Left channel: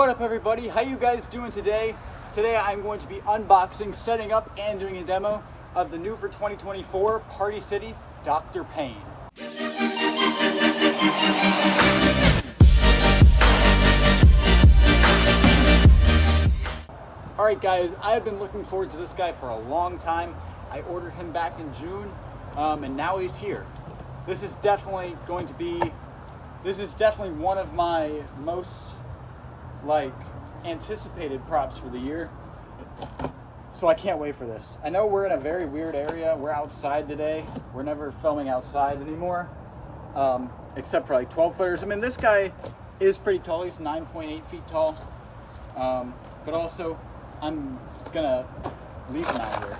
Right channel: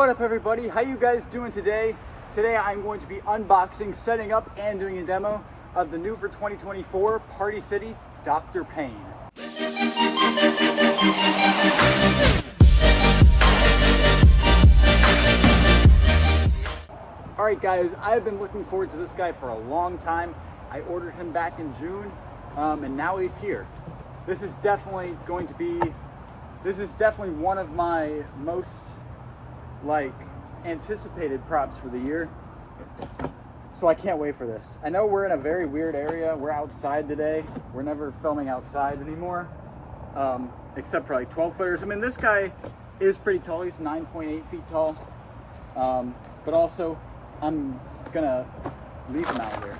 What up everybody, how you guys doing today? Today I'm going to be unboxing, setting up, and doing a demo of the new for 2024 Party City Dr. Payne. Alright guys, I have been looking forward to this guy for a long time. I ordered him back in June, and now he's here. This is definitely one of my most anticipated props for the year, so I can't wait for this. I know we're in a very weird area. We're outside today. We're never filming outside anymore, except for 12 footers. I mean, this guy is pretty tall. He's 9.8 feet tall, but also I'm gonna leave him out here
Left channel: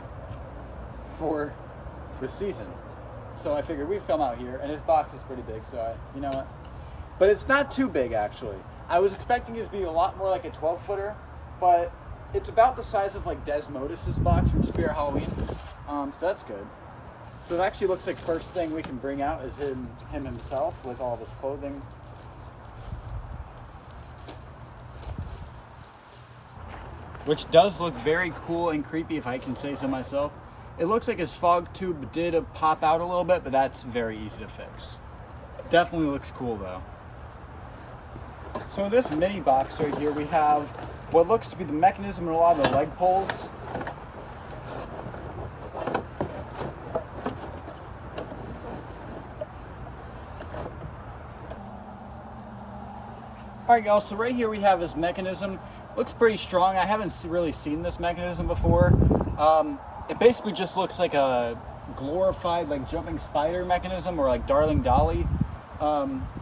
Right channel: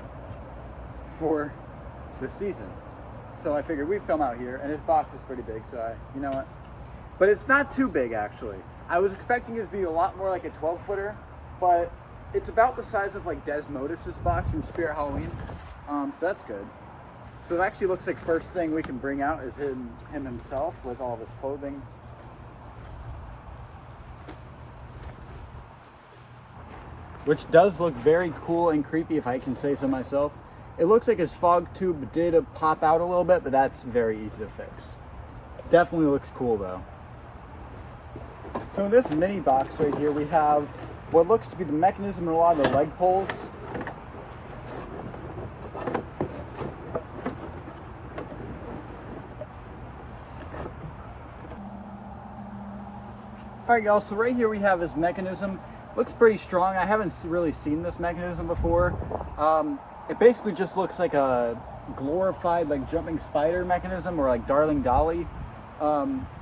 for the season, so I figured we'd film out here, and his box is pretty big, so you know what, but it's not too big actually. I was expecting it to be a lot more like a 12 footer, but it's about the size of Desmodus's box from Spirit Halloween, so that's good. So it actually looks like first thing we can bring out is him himself with all of his clothing. Which does look very cool and creepy, if I can say so myself. It looks like his fog tube did pop out a little bit, but that's very easy to fix. Definitely looks cool though. So in this mini box right here, we have what looks to be the mechanism and a lot of the leg pulls. Alright y'all, so right here we have his mechanism. Looks pretty strong. I haven't really seen this mechanism before. It basically just looks like a glorified jumping spider mechanism, or Darling Dolly.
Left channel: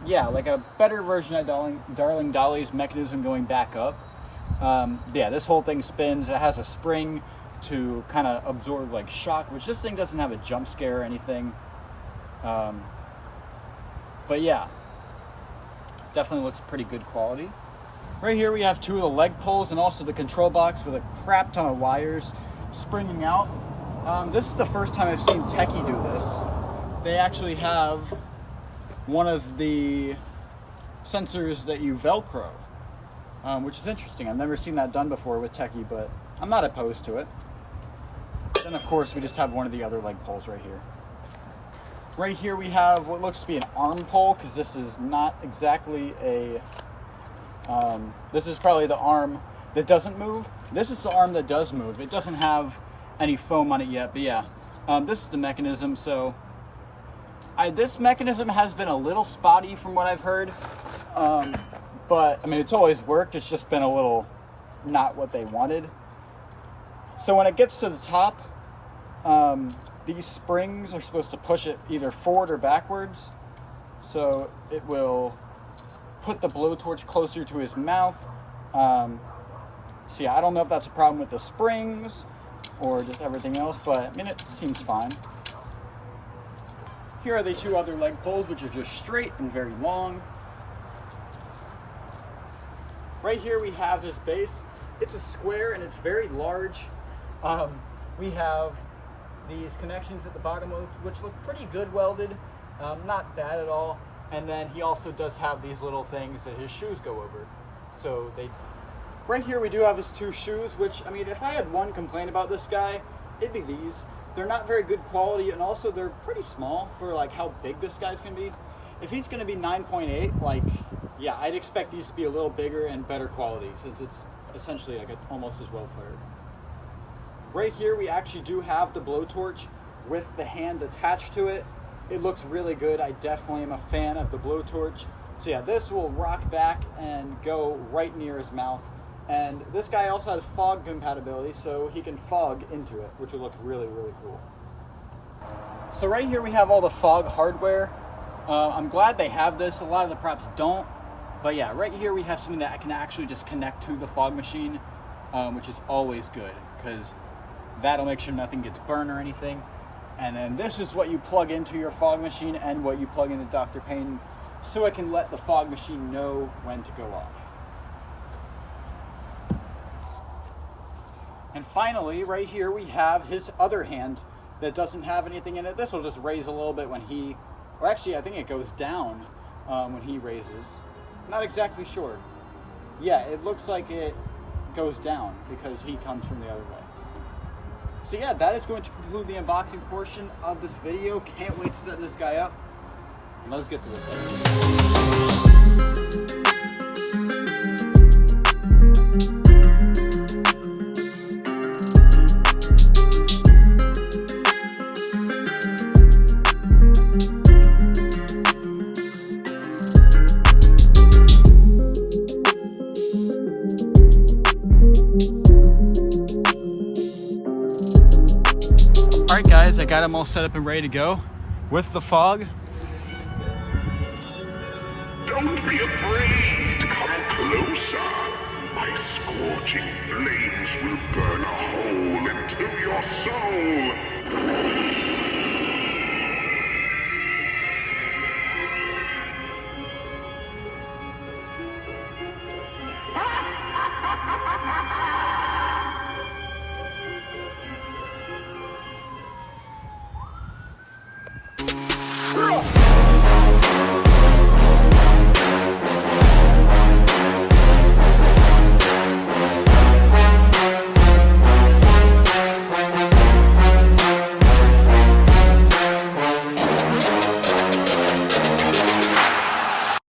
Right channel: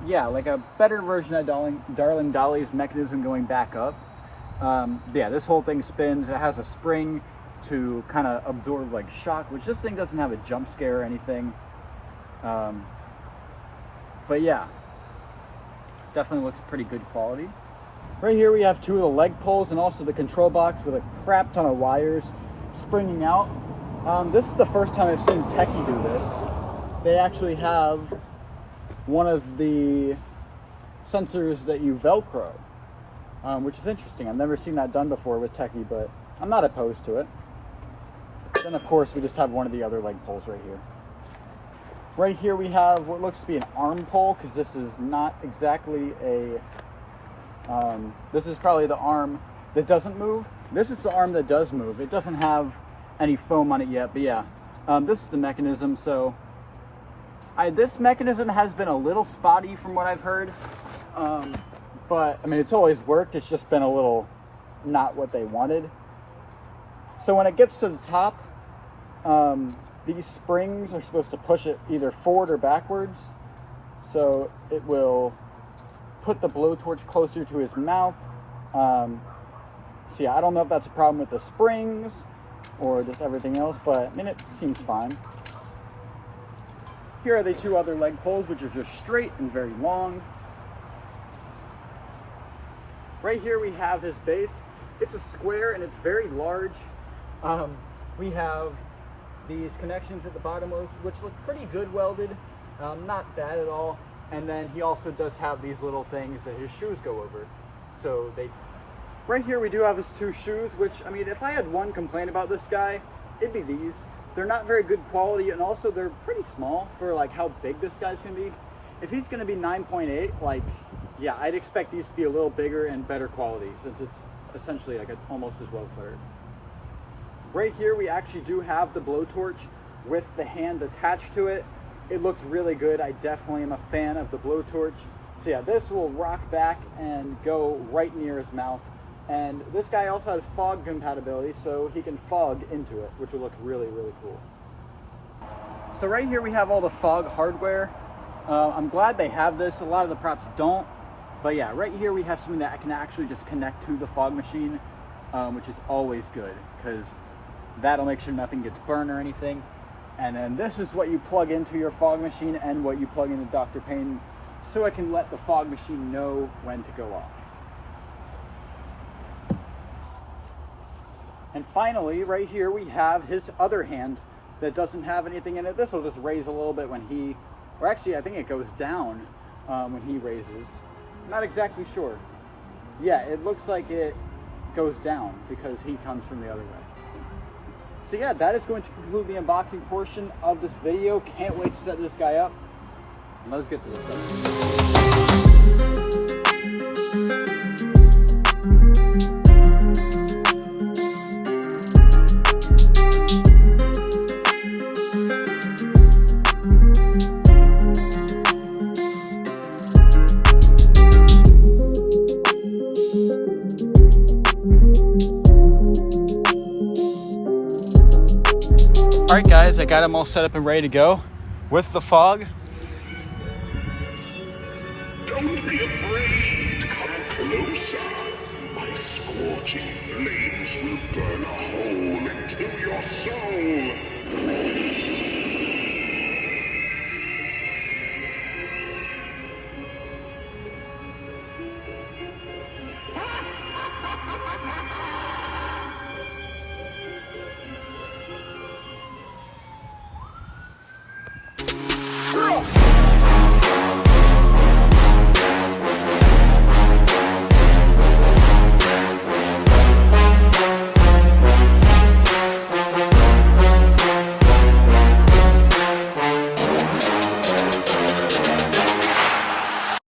Yeah, like a better version of Darling Dolly's mechanism going back up. Yeah, this whole thing spins. It has a spring to kind of absorb shock, which this thing doesn't have a jump scare or anything. But yeah, definitely looks pretty good quality. Right here we have two of the leg pulls and also the control box with a crap ton of wires springing out. This is the first time I've seen Techie do this. They actually have one of the sensors that you Velcro, which is interesting. I've never seen that done before with Techie, but I'm not opposed to it. Then of course we just have one of the other leg pulls right here. Right here we have what looks to be an arm pull, because this is not exactly a this is probably the arm that doesn't move. This is the arm that does move. It doesn't have any foam on it yet, but yeah, this is the mechanism. So this mechanism has been a little spotty from what I've heard, but I mean, it's always worked. It's just been a little not what they wanted. So when it gets to the top, these springs are supposed to push it either forward or backwards, so it will put the blowtorch closer to his mouth. So yeah, I don't know if that's a problem with the springs or just everything else, but I mean, it seems fine. Here are the two other leg pulls, which are just straight and very long. Right here we have his base. It's a square and it's very large. We have these connections at the bottom, which look pretty good welded, not bad at all. And then he also does have these little things that his shoes go over. So right here we do have his two shoes, which, I mean, if I had one complaint about this guy, it'd be these. They're not very good quality, and also they're pretty small for how big this guy's gonna be. If he's gonna be 9.8, yeah, I'd expect these to be a little bigger and better quality, since it's essentially almost as well footed. Right here we actually do have the blowtorch with the hand attached to it. It looks really good. I definitely am a fan of the blowtorch. So yeah, this will rock back and go right near his mouth. And this guy also has fog compatibility, so he can fog into it, which will look really, really cool. So right here we have all the fog hardware. I'm glad they have this. A lot of the props don't. But yeah, right here we have something that I can actually just connect to the fog machine, which is always good, because that'll make sure nothing gets burned or anything. And then this is what you plug into your fog machine and what you plug into Dr. Payne, so it can let the fog machine know when to go off. And finally, right here we have his other hand that doesn't have anything in it. This will just raise a little bit when he, or actually I think it goes down when he raises. Not exactly sure. yeah, it looks like it goes down because he comes from the other way. So yeah, that is going to conclude the unboxing portion of this video. Can't wait to set this guy up. Let's get to this episode. All right, guys, I got him all set up and ready to go with the fog. Don't be afraid. Come closer. My scorching flames will burn a hole into your soul.